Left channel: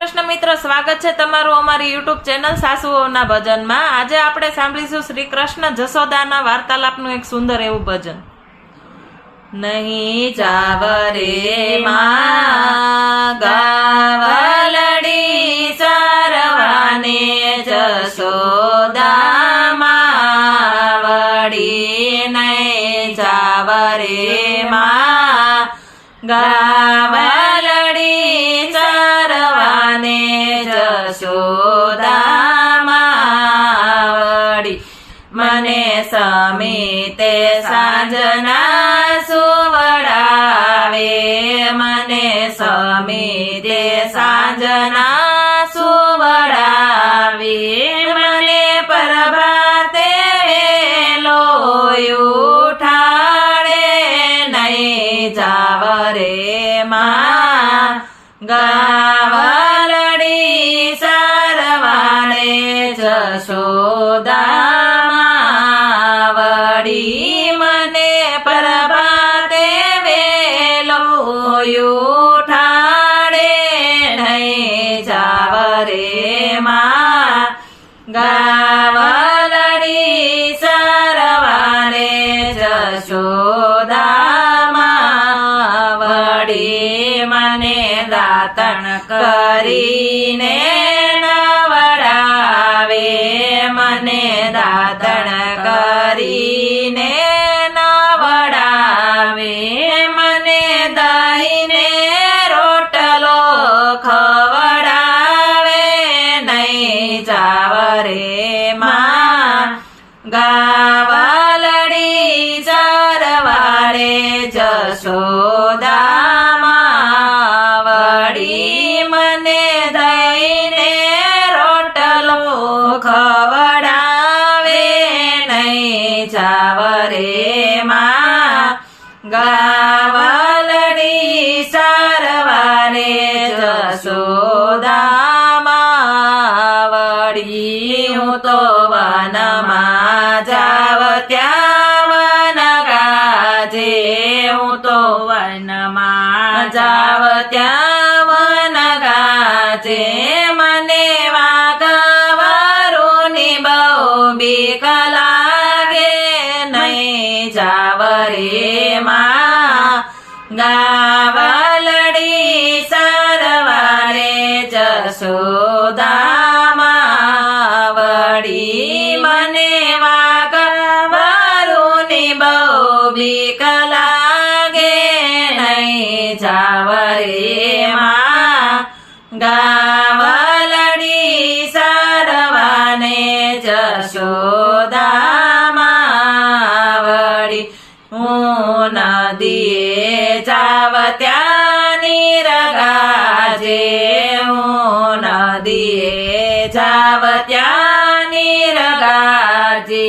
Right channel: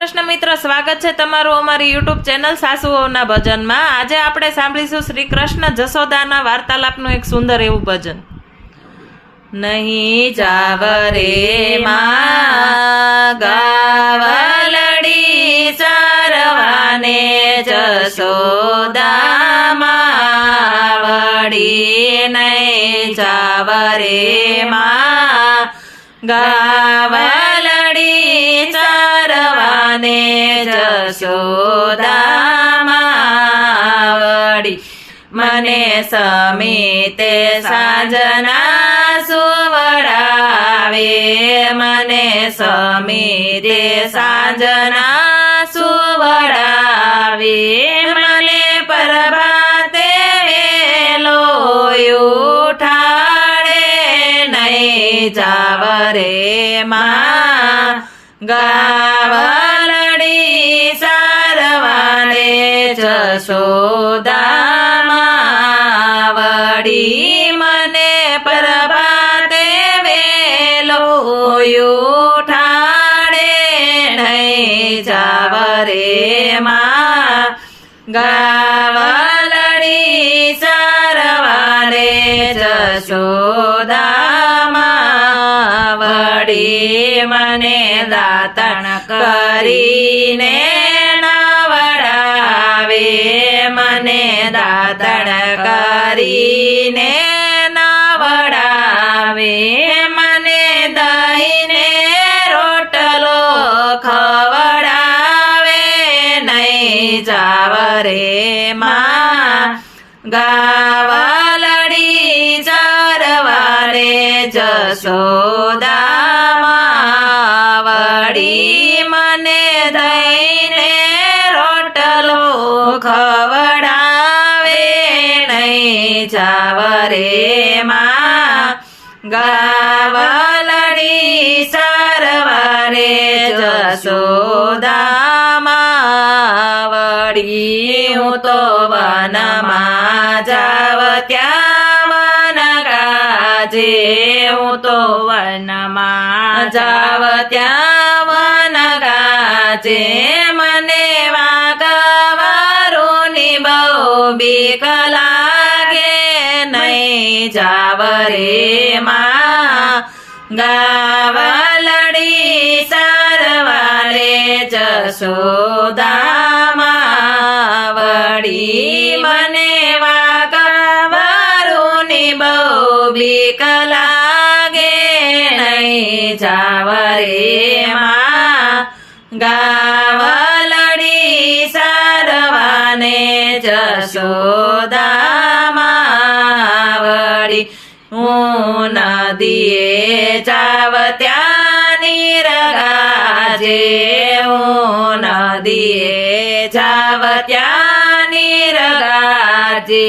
કૃષ્ણ મિત્ર, સ્વાગત છે તમારું અમારી યુટ્યુબ ચેનલ સાસુઓના ભજનમાં। આજે આપણે સાંભળીશું શ્રી કૃષ્ણ જશોદાના વાર્તાલાપનું એક સુંદર એવું ભજન। નહીં જાવ રે માં ગાવલડી ચરવાને જશોદા માવડી, નહીં જાવ રે માં ગાવલડી ચરવાને જશોદા માવડી। મને સમિતે સાંજના સુવડાવે, મને સમિતે સાંજના સુવડાવે, મને પ્રભાતે વેલો ઉઠાડે, નહીં જાવ રે માં ગાવલડી ચરવાને જશોદા માવડી। મને પ્રભાતે વેલો ઉઠાડે, નહીં જાવ રે માં ગાવલડી ચરવાને જશોદા માવડી। મને દાતણ કરીને નવડાવે, મને દાતણ કરીને નવડાવે, મને દહીંને રોટલો ખવડાવે, નહીં જાવ રે માં ગાવલડી ચરવાને જશોદા માવડી। મને દહીંને રોટલો ખવડાવે, નહીં જાવ રે માં ગાવલડી ચરવાને જશોદા માવડી। હું તો વનમાં જાવ ત્યાં વન ગાજે, હું તો વનમાં જાવ ત્યાં વન ગાજે, મને વાઘવારુની બહુ બીક લાગે, નહીં જાવ રે માં ગાવલડી ચરવાને જશોદા માવડી। મને વાઘવારુની બહુ બીક લાગે, નહીં જાવ રે માં ગાવલડી ચરવાને જશોદા માવડી। હું નદીએ જાવ ત્યાં નીર ગાજે, હું નદીએ જાવ ત્યાં નીર ગાજે,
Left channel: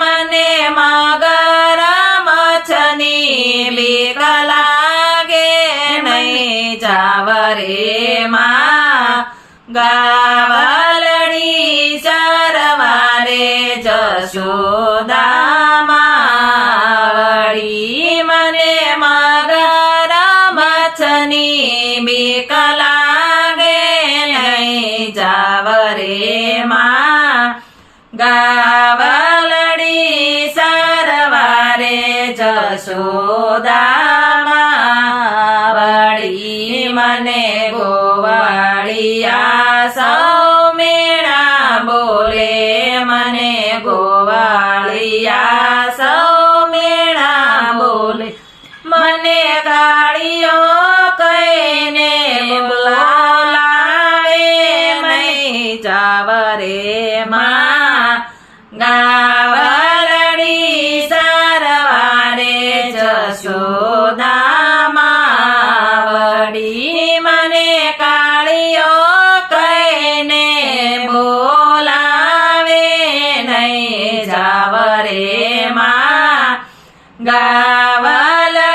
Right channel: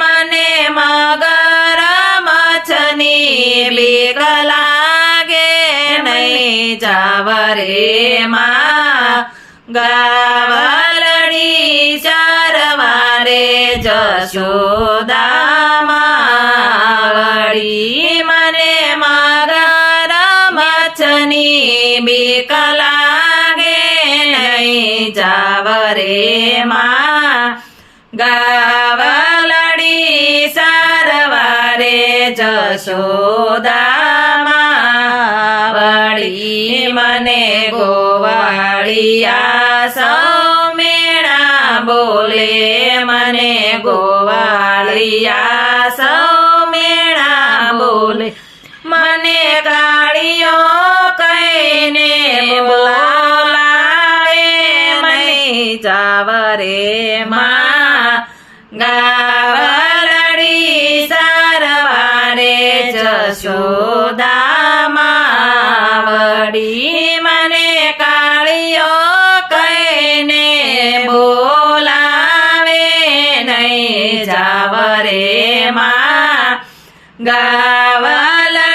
મને મગર મચ્છની બીક લાગે, નહીં જાવ રે માં ગાવલડી ચરવાને જશોદા માવડી। મને મગર મચ્છની બીક લાગે, નહીં જાવ રે માં ગાવલડી ચરવાને જશોદા માવડી। મને ગોવાળિયા સૌ મેણા બોલે, મને ગોવાળિયા સૌ મેણા બોલે, મને ગાળીઓ કહીને બોલાવે, નહીં જાવ રે માં ગાવલડી ચરવાને જશોદા માવડી। મને કાળીઓ કહીને બોલાવે, નહીં જાવ રે માં ગાવલડી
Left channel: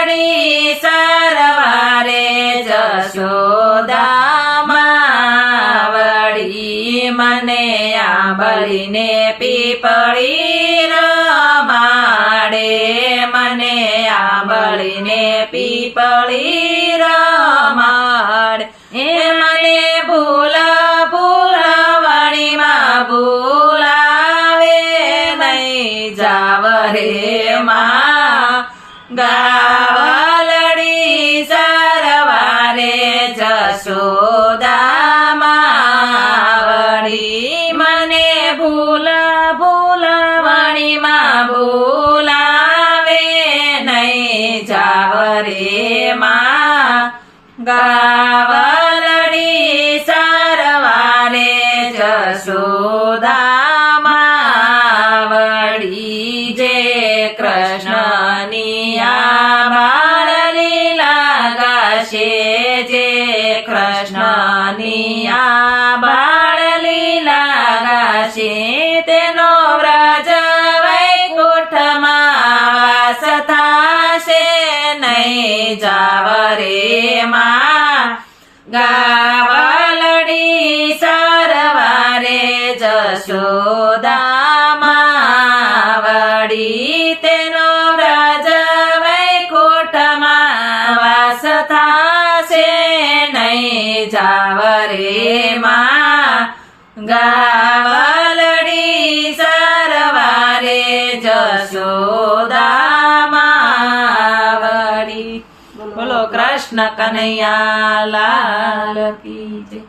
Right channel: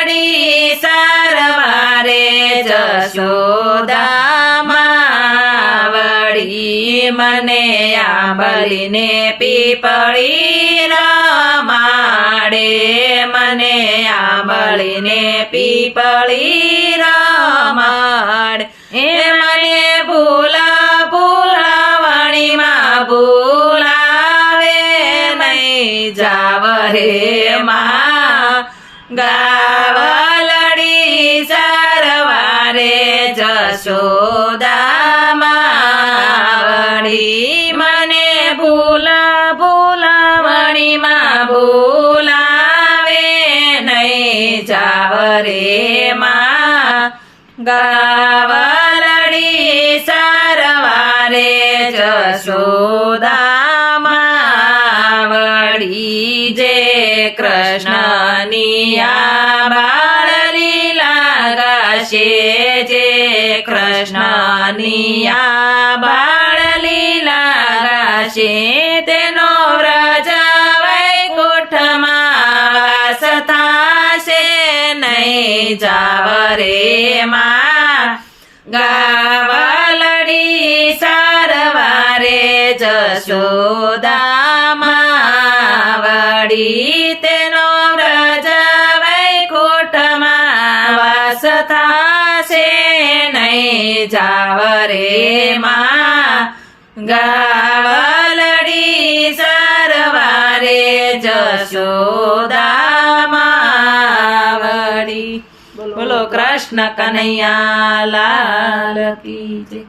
ચરવાને જશોદા માવડી। મને આંબલીને પીપળી રમાડે, મને આંબલીને પીપળી રમાડે, એ મને ભૂલ ગાવલડી સરવારે જશોદા માવડી મને ભૂલવણીમાં ભૂલાવે નહીં જાવ રે માં ગાવલડી સરવારે જશોદા માવડી જે કૃષ્ણની આ બાળ લીલા ગાશે જે કૃષ્ણની આ બાળ લીલા ગાશે તેનો વ્રજ વૈકુંઠમાં વાસ થાશે નહીં જાવ રે માં ગાવલડી સરવારે જશોદા માવડી તેનો વ્રજ વૈકુંઠમાં વાસ થાશે નહીં જાવ રે માં ગાવલડી સરવારે જશોદા માવડી બોલો કૃષ્ણ કનૈયા લાલ કી જય.